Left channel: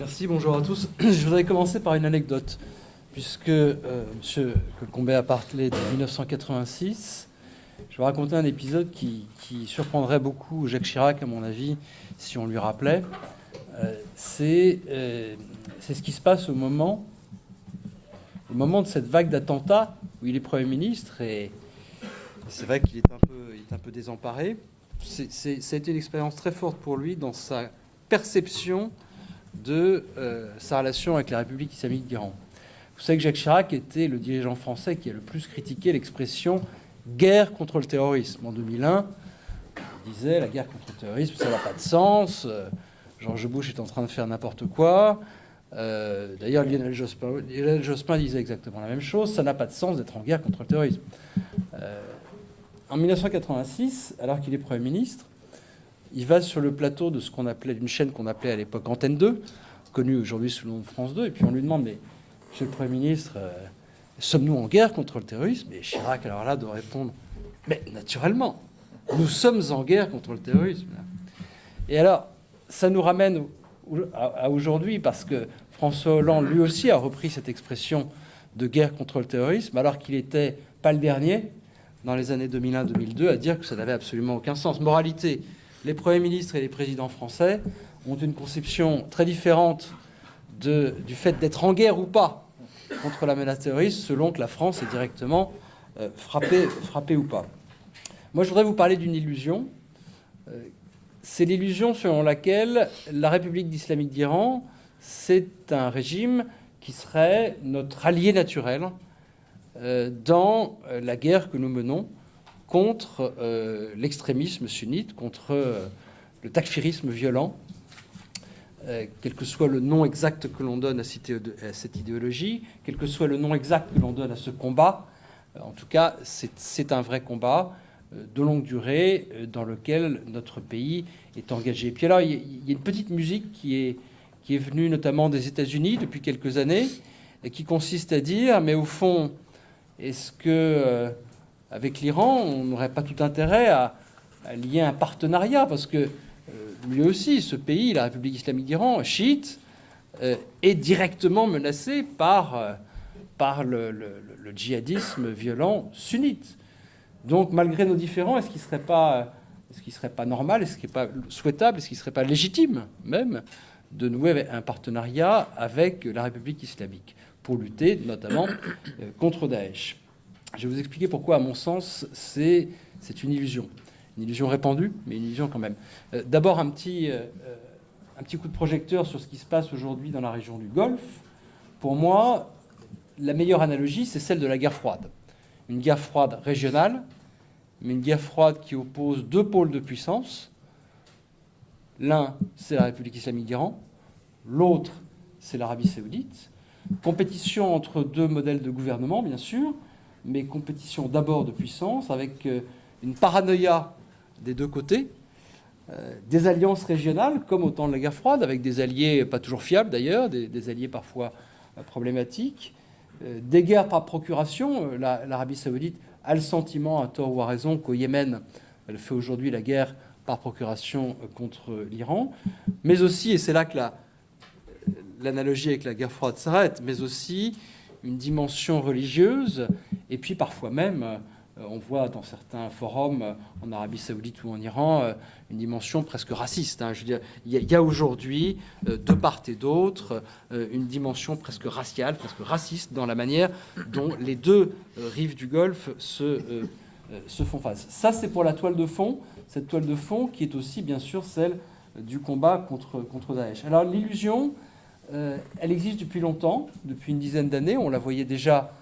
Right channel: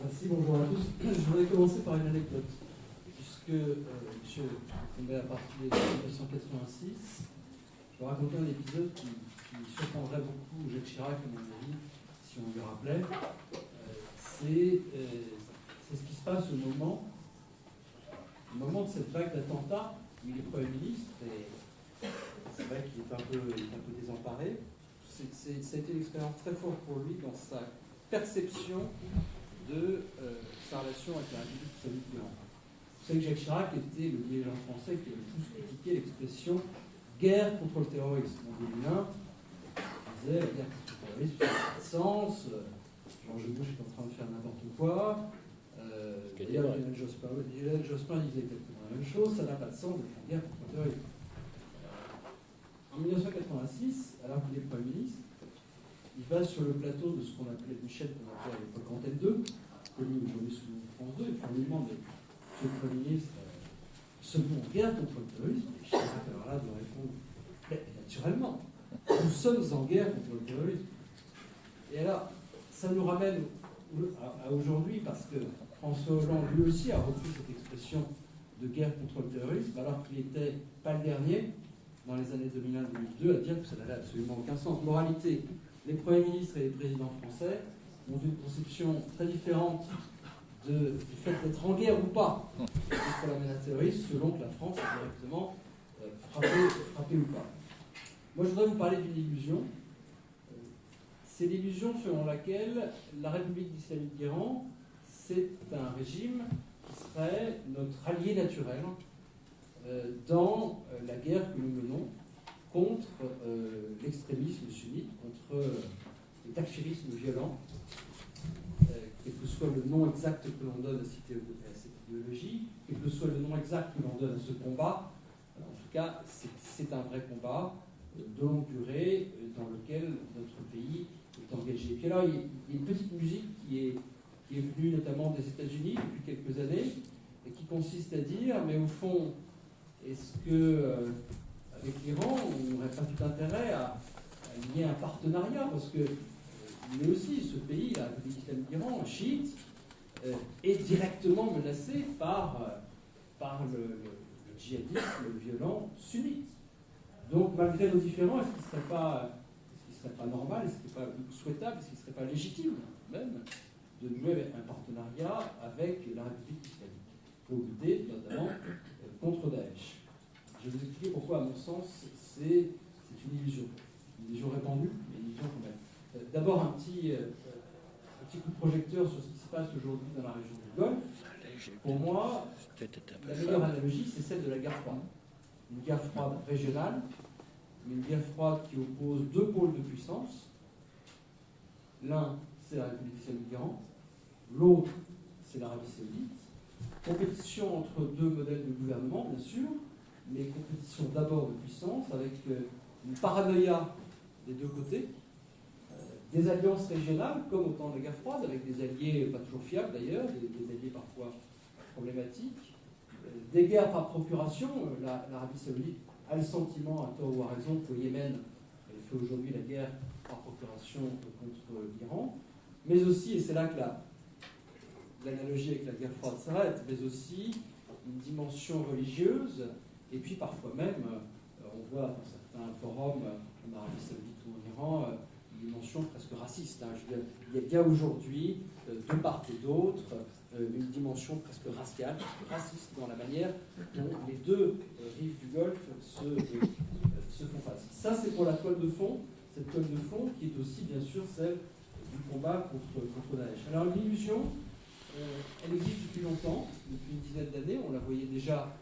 Merci, bonjour à tous. Je voudrais commencer par une anecdote, puisque M. Combet a parlé de 1986. Je vais raconter un épisode qui surprendrait beaucoup Jacques Chirac, à mon avis, si on lui rappelait. C'est ce qui se passe au moment de cette vague d'attentats où il est Premier ministre, et c'est vrai qu'il est un peu désemparé. Ça a été une expérience très forte pour lui dans sa perception de sa relation avec la République islamique d'Iran. Vous savez que Jacques Chirac était le dirigeant français qui a le plus critiqué l'expression « guerre contre le terrorisme ». En 2001, il disait « la guerre contre le terrorisme, ça n'a pas de sens, George Bush est en train de faire n'importe quoi ». D'ailleurs, Lionel Jospin disait exactement la même chose, ça n'a pas de sens d'être en guerre contre le terrorisme. En 1986, alors qu'il est Premier ministre, il va sur le plateau de ce qu'on appelait, d'une chaîne qu'on appelait à l'époque Antenne 2, connue aujourd'hui sous le nom de France 2, et puis on lui demande, mais Monsieur le Premier ministre, sommes-nous en guerre contre le terrorisme? Et Chirac, alors là, doit répondre, mais naturellement, nous sommes en guerre contre le terrorisme. Et alors, ça nous ramène à aujourd'hui, parce que François Hollande, lui aussi, a repris cette expression de guerre contre le terrorisme, alors qu'il n'était pas le dernier, dans les années 2001-2002, à dire que ça n'avait absolument aucun sens. Moralité, les premiers ministres et les présidents français ont une conception très différente du fait d'être en guerre ou pas contre la menace terroriste, selon que la France est directement frappée ou pas. Moi, je voudrais vous parler d'une illusion. C'est l'illusion selon laquelle la République islamique d'Iran, c'est un régime qui serait notre allié naturel dans la guerre que nous menons contre l'extrémisme sunnite, contre le takfirisme violent, quel que soit le nom exact que l'on donne à cette idéologie, quel que soit le nom exact que l'on donne à ce combat. En tout cas, c'est un vrai combat de longue durée dans lequel notre pays est engagé. Et puis alors, il y a une petite musique qui est venue notamment des États-Unis depuis quelques années et qui consiste à dire, mais au fond, est-ce que avec l'Iran, on n'aurait pas tout intérêt à lier un partenariat, parce que lui aussi, ce pays, la République islamique d'Iran, chiite, est directement menacé par le djihadisme violent sunnite. Donc, malgré nos différends, est-ce qu'il ne serait pas normal, est-ce qu'il ne serait pas souhaitable, est-ce qu'il ne serait pas légitime même de nouer un partenariat avec la République islamique pour lutter notamment contre Daesh? Je vais vous expliquer pourquoi, à mon sens, c'est une illusion. Une illusion répandue, mais une illusion quand même. D'abord, un petit coup de projecteur sur ce qui se passe aujourd'hui dans la région du Golfe. Pour moi, la meilleure analogie, c'est celle de la guerre froide. Une guerre froide régionale, mais une guerre froide qui oppose deux pôles de puissance. L'un, c'est la République islamique d'Iran. L'autre, c'est l'Arabie saoudite. Compétition entre deux modèles de gouvernement, bien sûr, mais compétition d'abord de puissance, avec une paranoïa des deux côtés, des alliances régionales, comme au temps de la guerre froide, avec des alliés pas toujours fiables d'ailleurs, des alliés parfois problématiques, des guerres par procuration. L'Arabie saoudite a le sentiment, à tort ou à raison, qu'au Yémen, elle fait aujourd'hui la guerre par procuration contre l'Iran, mais aussi, et c'est là que l'analogie avec la guerre froide s'arrête, mais aussi une dimension religieuse, et puis parfois même, on voit dans certains forums en Arabie saoudite ou en Iran, une dimension presque raciste. Je veux dire, il y a aujourd'hui, de part et d'autre, une dimension presque raciale, presque raciste dans la manière dont les deux rives du Golfe se font face. Ça, c'est pour la toile de fond, cette toile de fond qui est aussi, bien sûr, celle du combat contre Daesh. Alors, l'illusion, elle existe depuis longtemps, depuis une dizaine d'années. On la voyait déjà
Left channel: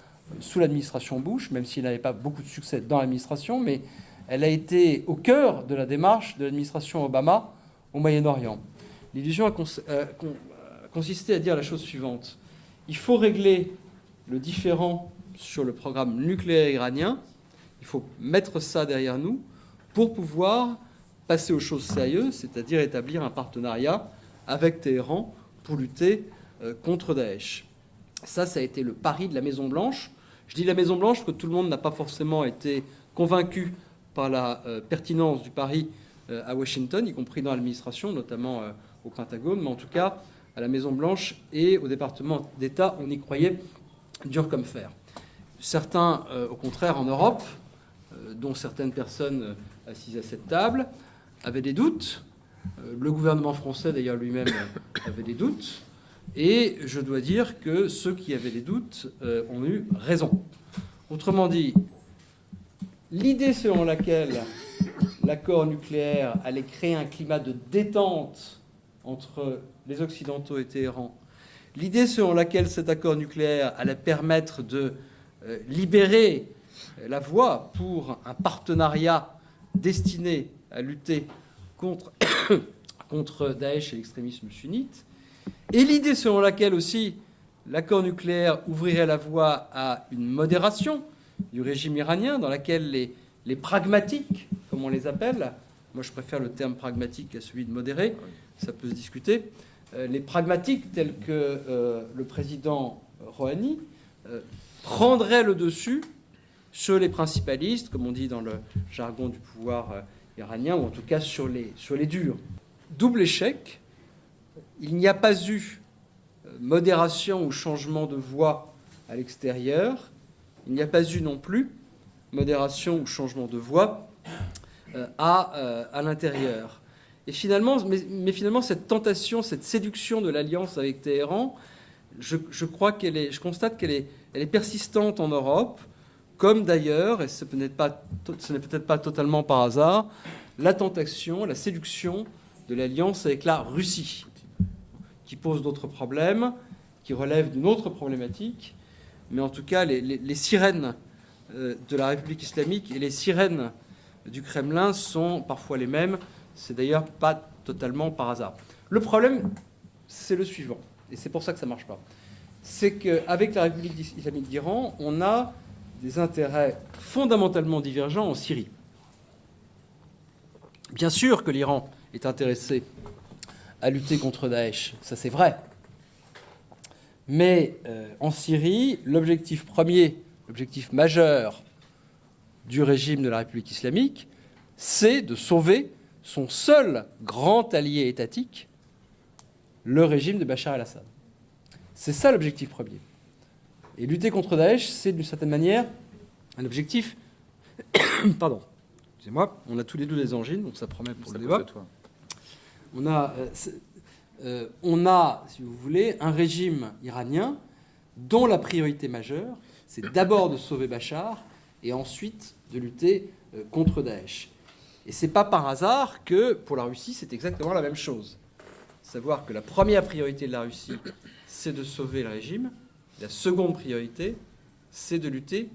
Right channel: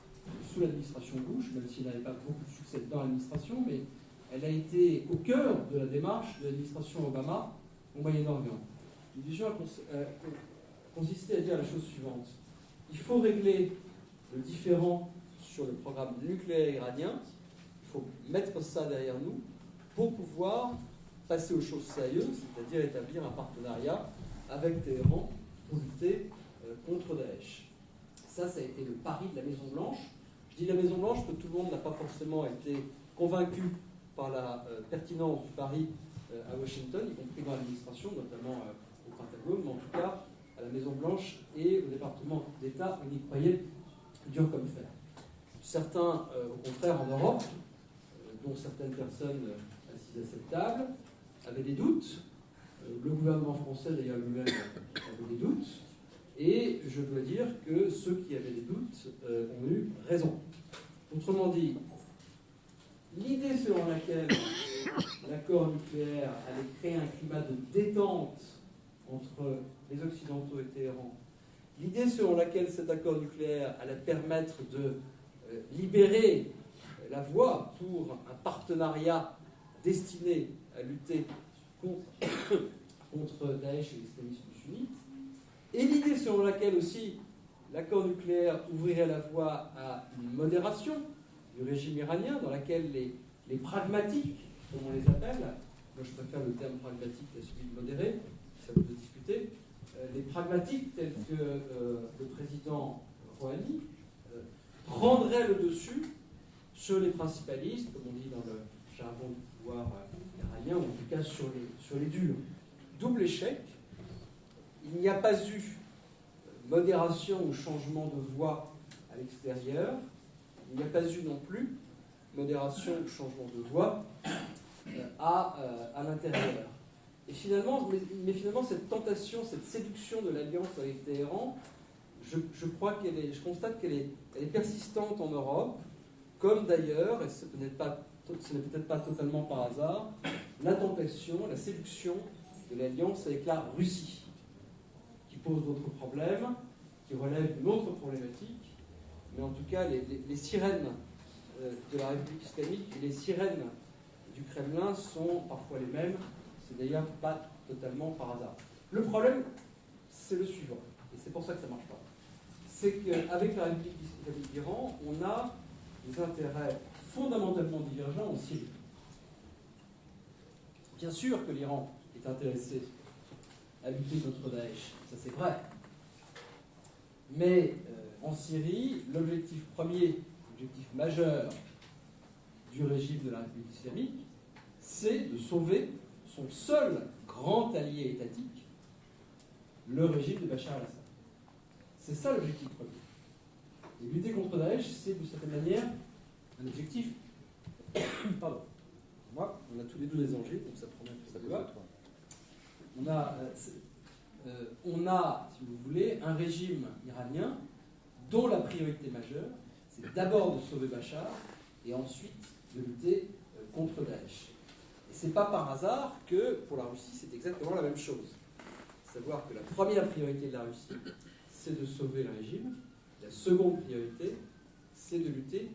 sous l'administration Bush, même s'il n'avait pas beaucoup de succès dans l'administration, mais elle a été au cœur de la démarche de l'administration Obama au Moyen-Orient. L'illusion a consisté à dire la chose suivante. Il faut régler le différend sur le programme nucléaire iranien, il faut mettre ça derrière nous pour pouvoir passer aux choses sérieuses, c'est-à-dire établir un partenariat avec Téhéran pour lutter contre Daesh. Ça a été le pari de la Maison-Blanche. Je dis la Maison-Blanche parce que tout le monde n'a pas forcément été convaincu par la pertinence du pari à Washington, y compris dans l'administration, notamment au Pentagone. Mais en tout cas, à la Maison-Blanche et au département d'État, on y croyait dur comme fer. Certains, au contraire, en Europe, dont certaines personnes assises à cette table, avaient des doutes. Le gouvernement français, d'ailleurs, lui-même avait des doutes. Et je dois dire que ceux qui avaient des doutes ont eu raison. Autrement dit, l'idée selon laquelle l'accord nucléaire allait créer un climat de détente entre les Occidentaux et Téhéran, l'idée selon laquelle cet accord nucléaire allait permettre de libérer la voie pour un partenariat destiné à lutter contre Daesh et l'extrémisme sunnite, et l'idée selon laquelle aussi l'accord nucléaire ouvrirait la voie à une modération du régime iranien, dans laquelle les pragmatiques, comme on les appelle, moi je préfère le terme pragmatique à celui de modéré, ça peut se discuter, les pragmatiques tels que le président Rouhani prendraient le dessus sur les principalistes, comme on dit dans le jargon du pouvoir iranien, ou en tout cas sur les durs. Double échec, il n'y a pas eu modération ou changement de voie à l'extérieur, il n'y a pas eu non plus modération ou changement de voie à l'intérieur. Et finalement, mais finalement, cette tentation, cette séduction de l'alliance avec Téhéran, je constate qu'elle est persistante en Europe, comme d'ailleurs, et ce n'est peut-être pas totalement par hasard, la tentation, la séduction de l'alliance avec la Russie, qui pose d'autres problèmes, qui relève d'une autre problématique, mais en tout cas, les sirènes de la République islamique et les sirènes du Kremlin sont parfois les mêmes. C'est d'ailleurs pas totalement par hasard. Le problème, c'est le suivant, et c'est pour ça que ça ne marche pas. C'est qu'avec la République islamique d'Iran, on a des intérêts fondamentalement divergents en Syrie. Bien sûr que l'Iran est intéressé à lutter contre Daesh, ça c'est vrai. Mais en Syrie, l'objectif premier, l'objectif majeur du régime de la République islamique, c'est de sauver son seul grand allié étatique, le régime de Bachar el-Assad. C'est ça l'objectif premier. Et lutter contre Daesh, c'est d'une certaine manière un objectif... Pardon, excusez-moi, on a tous les deux des angines, donc ça promet pour le débat. On a, si vous voulez, un régime iranien dont la priorité majeure, c'est d'abord de sauver Bachar et ensuite de lutter contre Daesh. Et ce n'est pas par hasard que, pour la Russie, c'est exactement la même chose. Savoir que la première priorité de la Russie, c'est de sauver le régime. La seconde priorité, c'est de lutter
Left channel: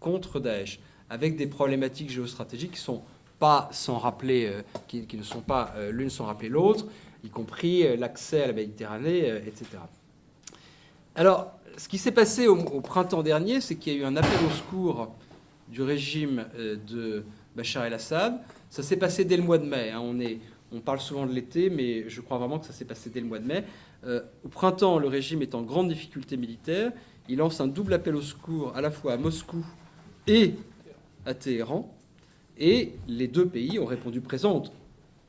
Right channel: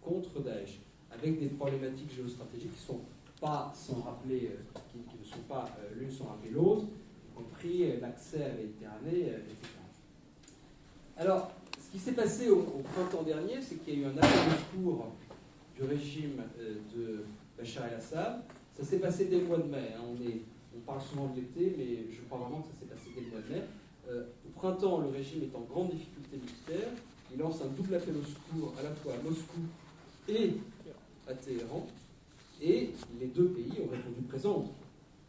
contre Daesh, avec des problématiques géostratégiques qui sont pas sans rappeler, qui ne sont pas l'une sans rappeler l'autre, y compris l'accès à la Méditerranée, etc. Alors, ce qui s'est passé au printemps dernier, c'est qu'il y a eu un appel au secours du régime de Bachar el-Assad. Ça s'est passé dès le mois de mai. Hein. On parle souvent de l'été, mais je crois vraiment que ça s'est passé dès le mois de mai. Au printemps, le régime est en grande difficulté militaire. Il lance un double appel au secours à la fois à Moscou et à Téhéran. Et les deux pays ont répondu présents,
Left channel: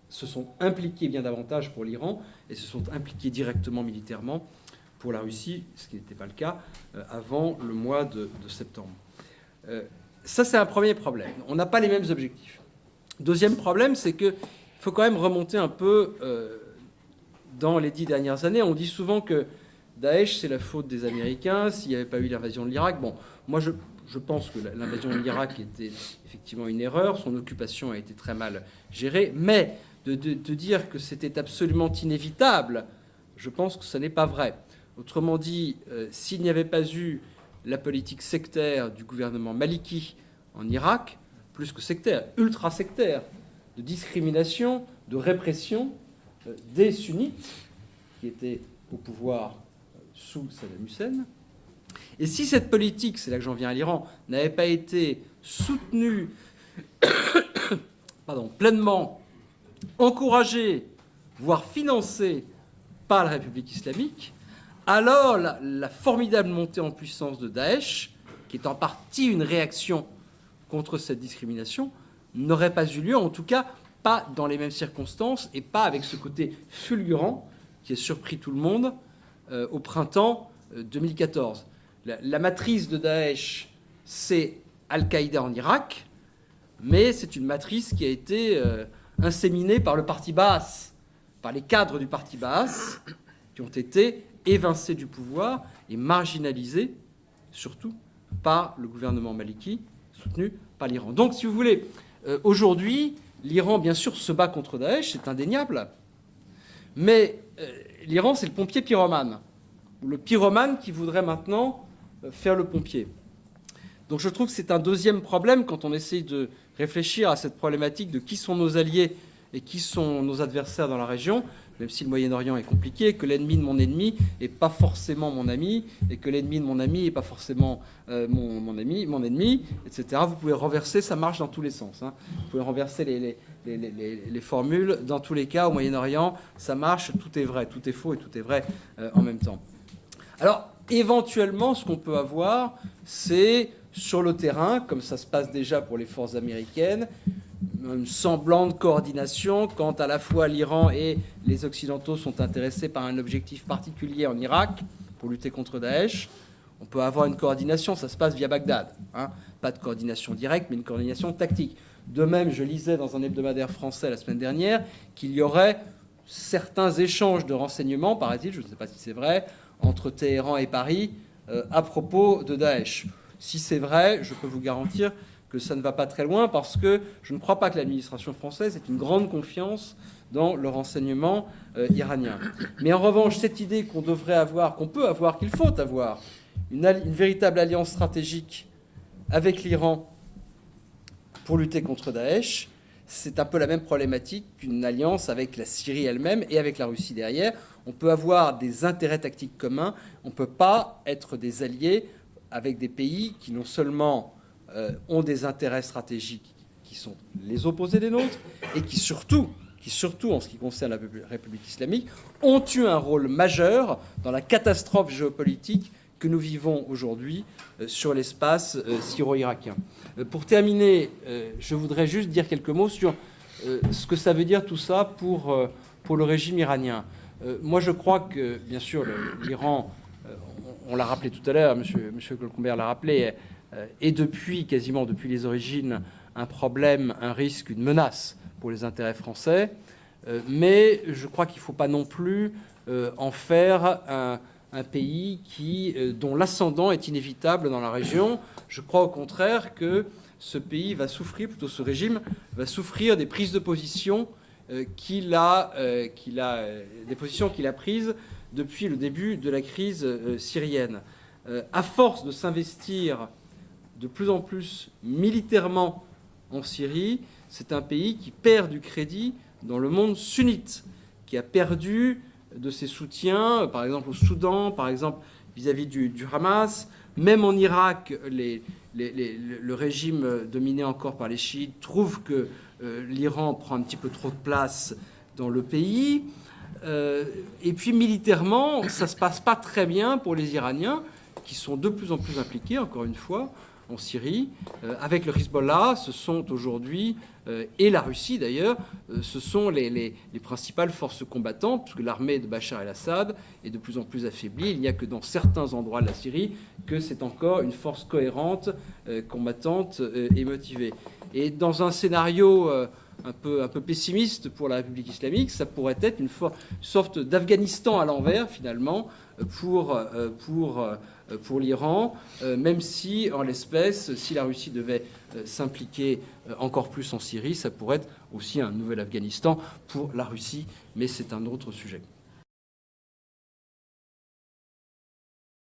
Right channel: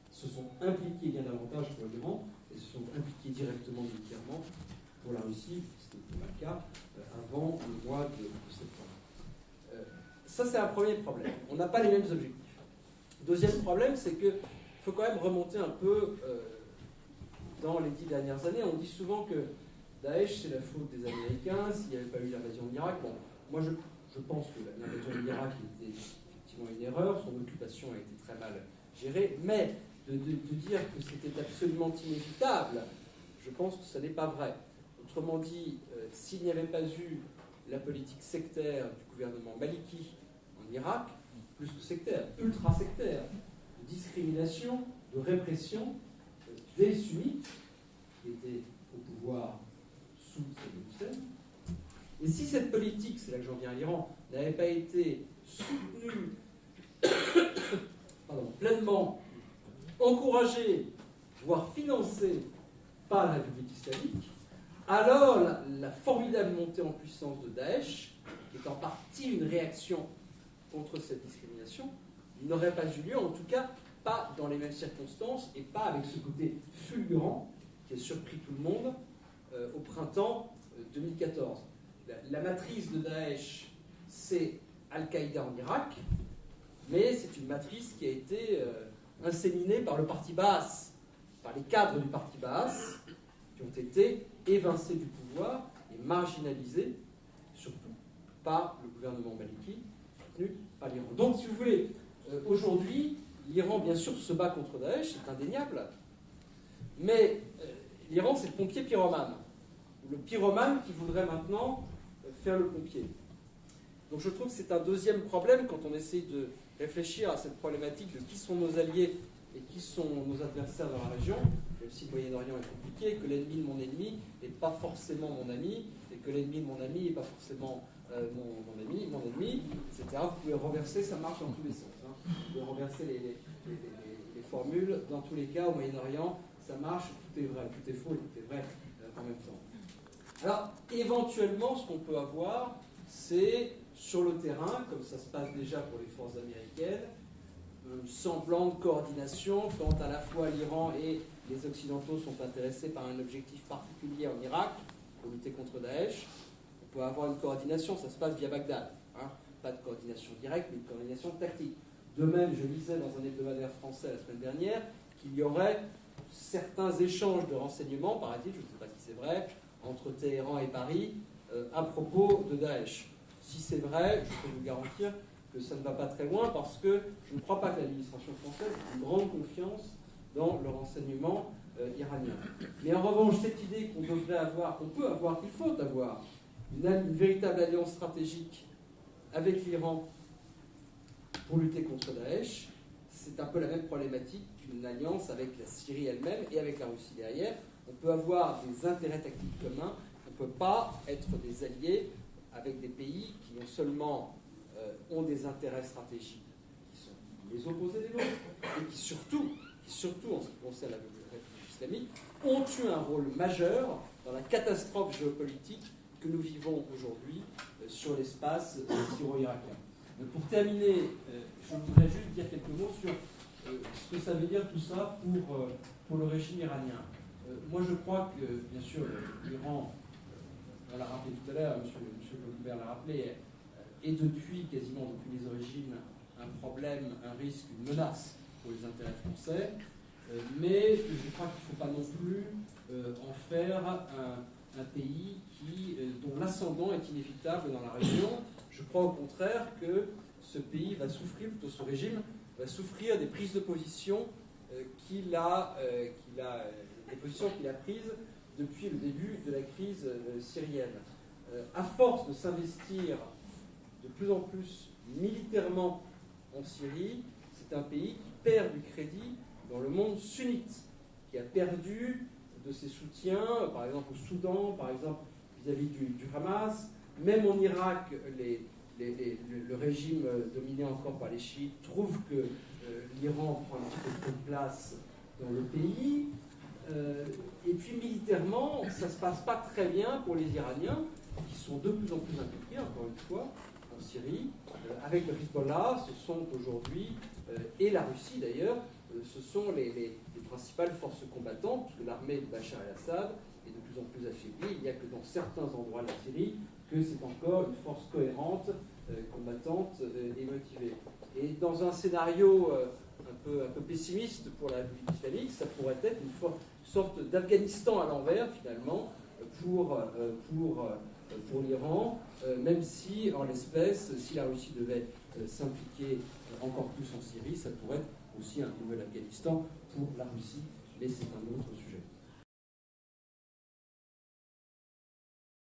se sont impliqués bien davantage pour l'Iran et se sont impliqués directement militairement pour la Russie, ce qui n'était pas le cas avant le mois de septembre. Ça, c'est un premier problème. On n'a pas les mêmes objectifs. Deuxième problème, c'est qu'il faut quand même remonter un peu dans les 10 dernières années. On dit souvent que Daesh, c'est la faute des Américains, s'il n'y avait pas eu l'invasion de l'Irak. Bon, moi, je pense que l'invasion de l'Irak était effectivement une erreur. Son occupation a été très mal gérée. Mais de dire que c'était absolument inévitable, je pense que ce n'est pas vrai. Autrement dit, s'il n'y avait pas eu la politique sectaire du gouvernement maliki en Irak, plus que sectaire, ultra-sectaire, de discrimination, de répression des sunnites qui étaient au pouvoir sous Saddam Hussein. Et si cette politique, c'est là que j'en viens à l'Iran, n'avait pas été soutenue pleinement, encouragée, voire financée par la République islamique, alors la formidable montée en puissance de Daesh, qui est en partie une réaction contre cette discrimination, n'aurait pas eu lieu, en tout cas pas dans les mêmes circonstances et pas avec ce côté fulgurant qui a surpris tout le monde au printemps 2014. La matrice de Daesh, c'est Al-Qaïda en Irak, mais c'est une matrice qui a été inséminée par le parti Baas, par les cadres du parti Baas, qui ont été évincés du pouvoir et marginalisés, surtout par le gouvernement maliki, soutenu par l'Iran. Donc, si vous voulez, aujourd'hui, l'Iran, bien sûr, se bat contre Daesh, c'est indéniable, mais l'Iran, c'est le pompier pyromane, ou le pyromane qui voudrait maintenant faire le pompier. Donc je trouve que c'est un deuxième problème quand on essaie de réfléchir à cette problématique de qui sont nos alliés et qui sont nos adversaires dans la région, même si le Moyen-Orient est compliqué, que l'ennemi de mon ennemi n'est pas forcément mon ami, et que l'ennemi de mon ami n'est pas forcément mon ennemi, etc. Vous pouvez renverser, ça marche dans tous les sens. Hein. Vous pouvez renverser les formules. Dans tous les cas, au Moyen-Orient, ça marche, tout est vrai, tout est faux et tout est vrai en même temps. Alors, éventuellement, ce qu'on peut avoir, c'est sur le terrain, comme ça se passe déjà pour les forces américaines, une semblante coordination quand à la fois l'Iran et les Occidentaux sont intéressés par un objectif particulier en Irak pour lutter contre Daesh. On peut avoir une coordination, ça se passe via Bagdad. Hein. Pas de coordination directe, mais une coordination tactique. De même, je lisais dans un hebdomadaire français la semaine dernière qu'il y aurait certains échanges de renseignements, paraît-il, je ne sais pas si c'est vrai, entre Téhéran et Paris à propos de Daesh. Si c'est vrai, je peux vous garantir que ça ne va pas très loin parce que je ne crois pas que l'administration française ait une grande confiance dans le renseignement iranien. Mais en revanche, cette idée qu'on devrait avoir, qu'on peut avoir, qu'il faut avoir, une véritable alliance stratégique avec l'Iran pour lutter contre Daesh, c'est un peu la même problématique qu'une alliance avec la Syrie elle-même et avec la Russie derrière. On peut avoir des intérêts tactiques communs, on ne peut pas être des alliés avec des pays qui non seulement ont des intérêts stratégiques qui sont les opposés des nôtres, et qui surtout, en ce qui concerne la République islamique, ont eu un rôle majeur dans la catastrophe géopolitique que nous vivons aujourd'hui sur l'espace syro-irakien. Pour terminer, je voudrais juste dire quelques mots sur ce que ça veut dire tout ça pour le régime iranien. Moi, je crois que, bien sûr, l'Iran, on l'a rappelé tout à l'heure, M. Colcombert l'a rappelé, est quasiment depuis les origines, un problème, un risque, une menace pour les intérêts français. Mais je crois qu'il ne faut pas non plus en faire un pays dont l'ascendant est inévitable dans la région. Je crois au contraire que ce pays va souffrir, plutôt ce régime, va souffrir des prises de position des positions qu'il a prises depuis le début de la crise syrienne. À force de s'investir de plus en plus militairement en Syrie, c'est un pays qui perd du crédit dans le monde sunnite, qui a perdu de ses soutiens, par exemple au Soudan, par exemple vis-à-vis du Hamas. Même en Irak, le régime dominé encore par les chiites trouve que l'Iran prend un petit peu trop de place dans le pays. Et puis militairement, ça ne se passe pas très bien pour les Iraniens, qui sont de plus en plus impliqués, encore une fois, en Syrie. Avec le Hezbollah, ce sont aujourd'hui, et la Russie d'ailleurs, ce sont les principales forces combattantes, puisque l'armée de Bachar el-Assad est de plus en plus affaiblie. Il n'y a que dans certains endroits de la Syrie que c'est encore une force cohérente, combattante et motivée. Et dans un scénario un peu pessimiste pour la République islamique, ça pourrait être une sorte d'Afghanistan à l'envers, finalement, pour l'Iran, même si, en l'espèce, si la Russie devait s'impliquer encore plus en Syrie, ça pourrait être aussi un nouvel Afghanistan pour la Russie, mais c'est un autre sujet.